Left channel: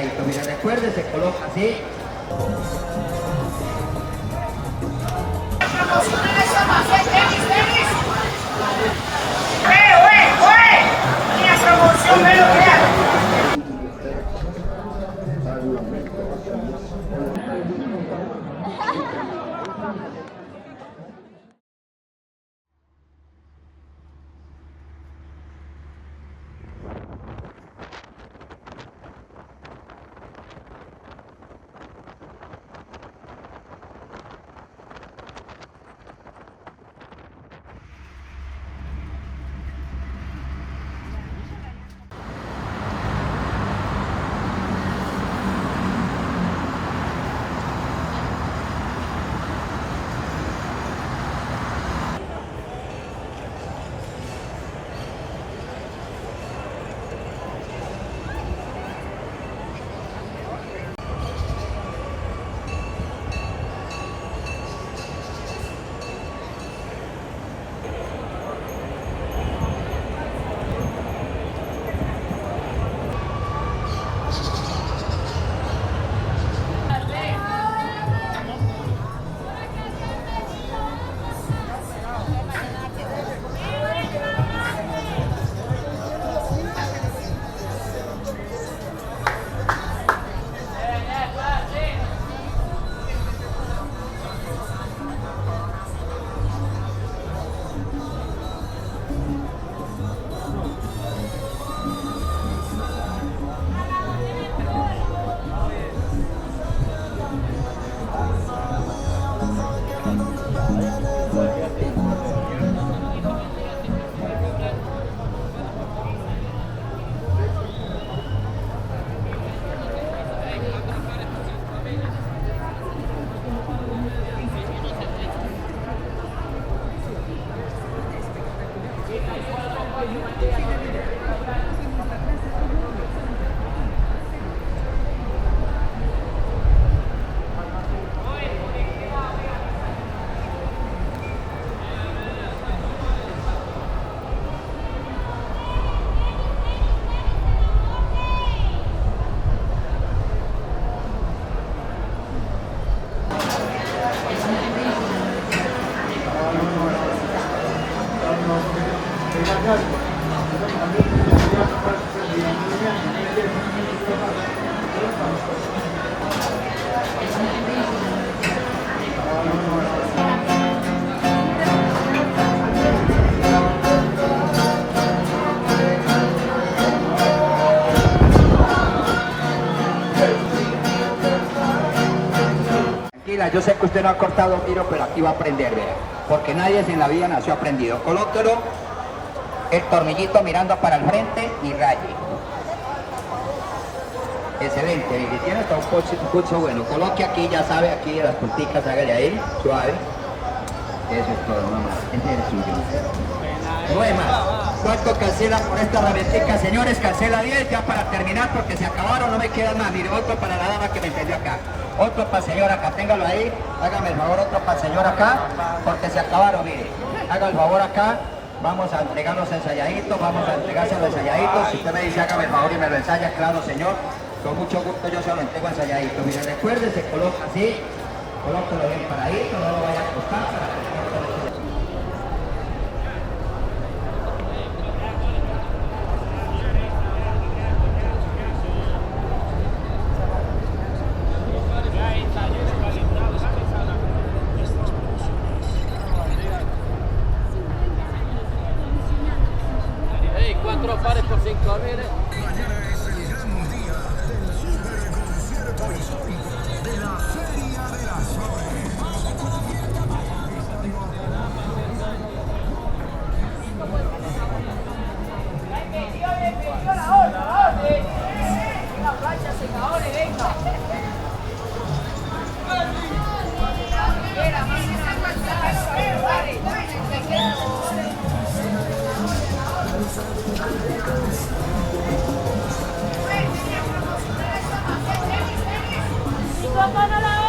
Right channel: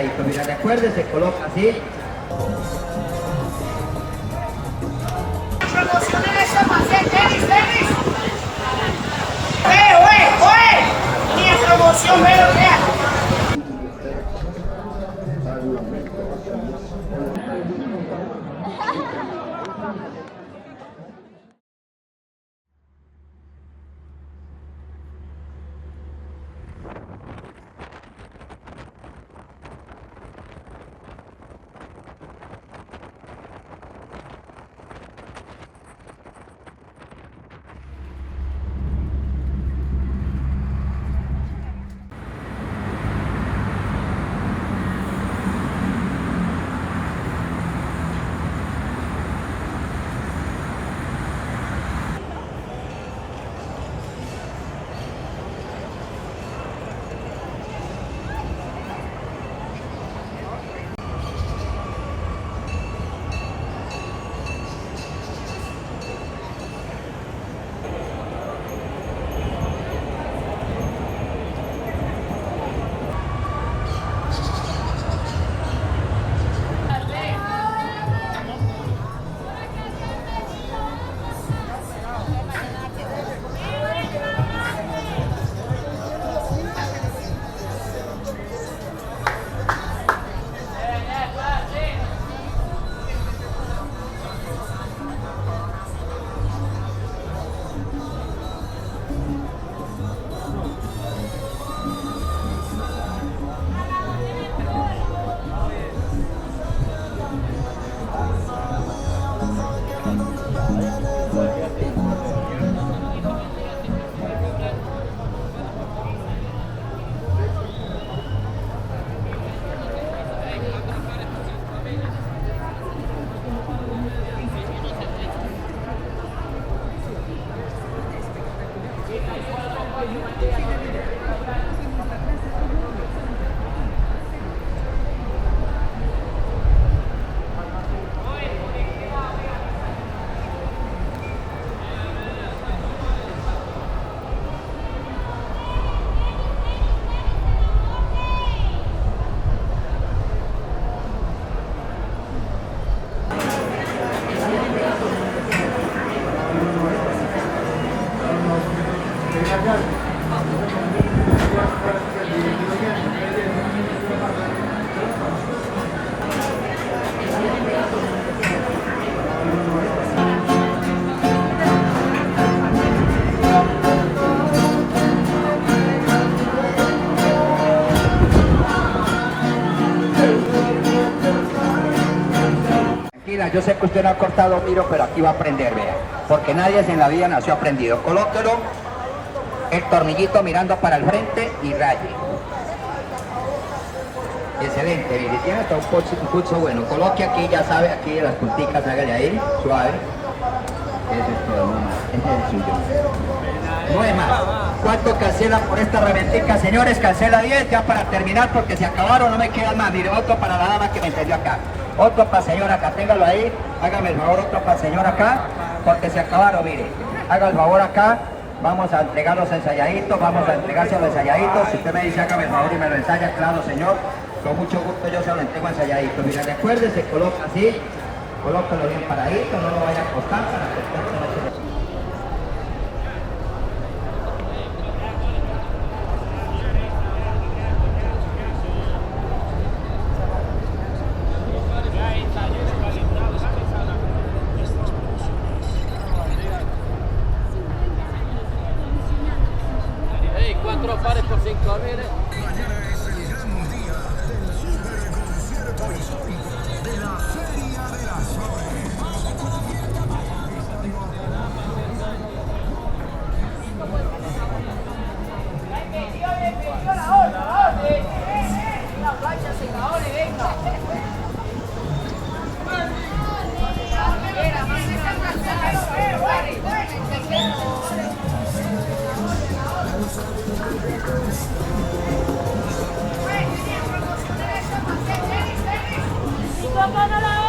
ensayadito. Mira, recuerde, se coloca así. Promocionen esa maceta, tenis. Y en promoción, ve lo que es. Yo sé que usted no ha cortado tiro, pero aquí va a aprender, vea. Porque nadie en la vida nació aprendido. Colóquelo, el tornillito mirando para el frente y raye. Excelente, mire, tiene hasta un pulso bueno. Coloque aquí, ya sabe, aquí las punticas, hágale ahí, suave. Eso es todo, nomás. Ese es el suyo. 9 más. ¿Cuánto cancela por esta herramientica, señores? Cancela 10 ya para terminar porque se acabaron, no me quedan más. Mire, otro para la dama que me entendió acá. Otro para el señor acá, téngalo ahí. Hágame el favor, otro para el señor acá, porque se acabaron, mire. Haga el favor acá. Vamos a entregar los ensayaditos, vamos a entregarse los ensayaditos. Si usted me dice, hágame el favor y me lo ensaya, claro, señor. Con mucho gusto yo se lo entrego ensayadito. Mira, recuerde, se coloca así. Colóquelo bien paradito, no lo vaya a acostar para que el cuerpo no se le... Cuatro pares por 5, mire. Mañana es el gran día del superconcierto histórico de la Feria de las Flores. Una plancha secadores, venga. Quiera, manden a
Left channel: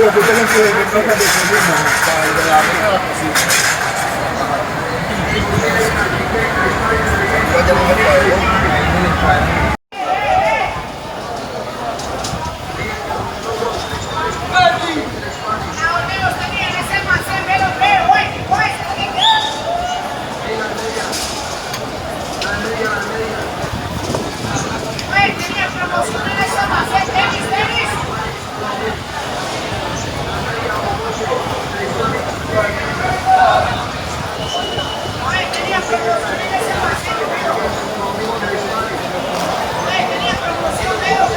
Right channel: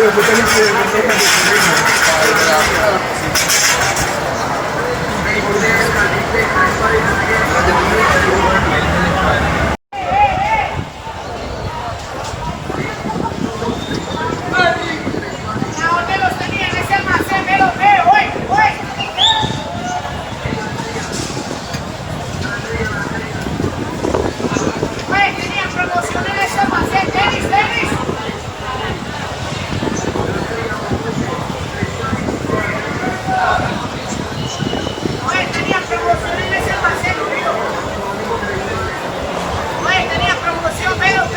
¿Dónde los tenían ese almacén? Me los veo, hoy. Oye, tenía promoción en ese almacén, tenis. Oye, tenía promoción en ese almacén, tío. Oye, tenía promoción, velos.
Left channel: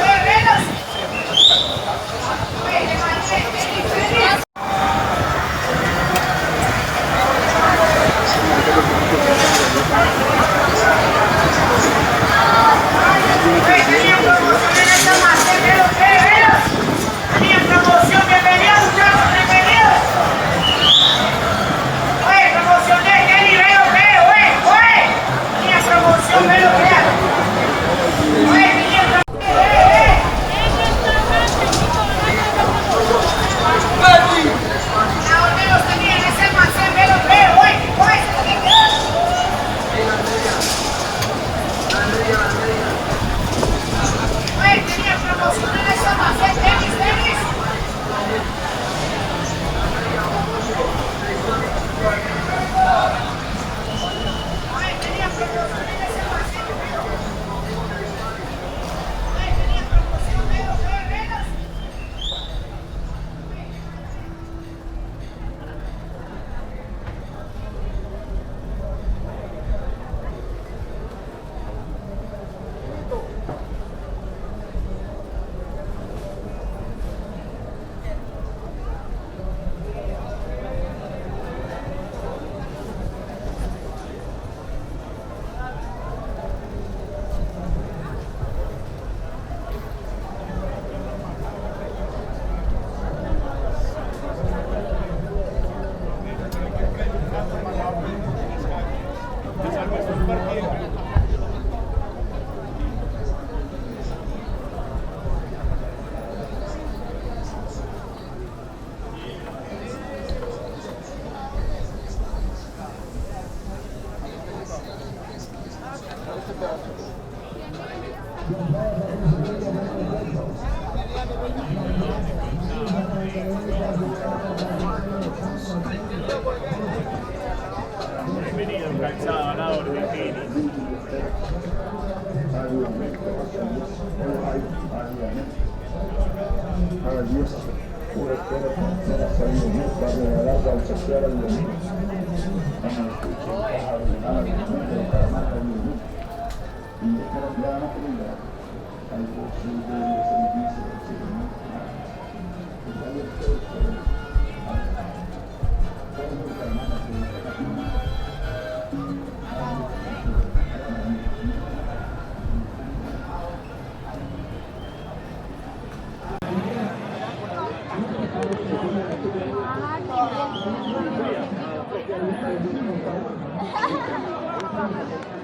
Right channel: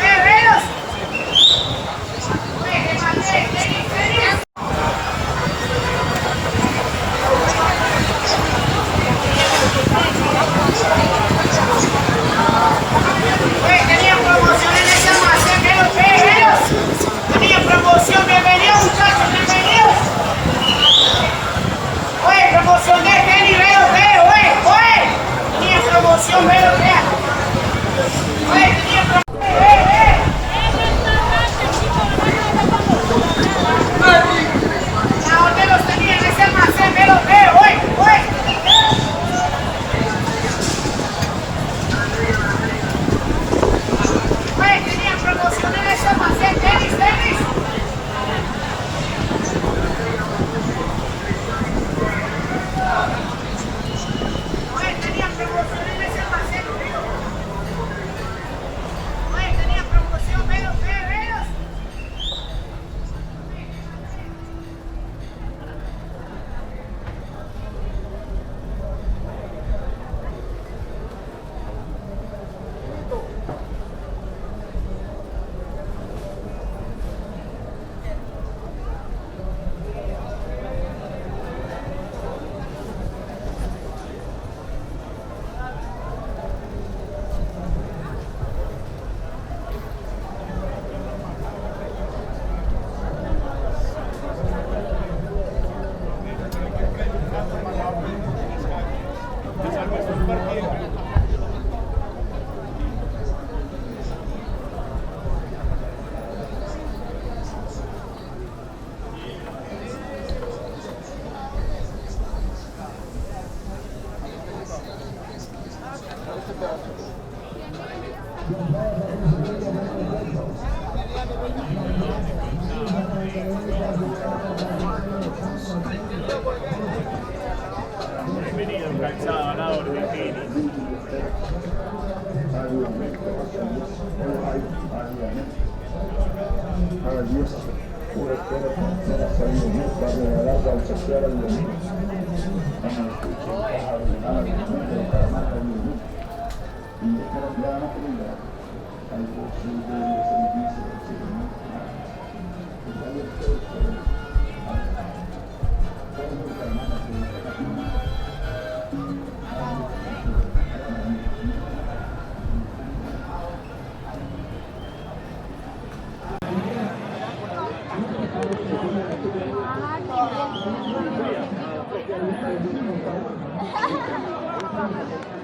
Oye, te mandé, tenis. Tenía promoción en ese almacén, velos. Tenía promoción, bienvenidos muchachos, bienvenidos. Oye, promoción de tenis, velos. Tenía promoción, velos. Oye, tenía promoción. ¿Dónde los tenía en ese almacén? Me los veo, Oye, tenía promoción en ese almacén, tenis. Oye, tenía promoción en ese almacén, tío. Oye, tenía promoción, velos. Bienvenido, calzado, a la orden, Pini. Ha ha ha.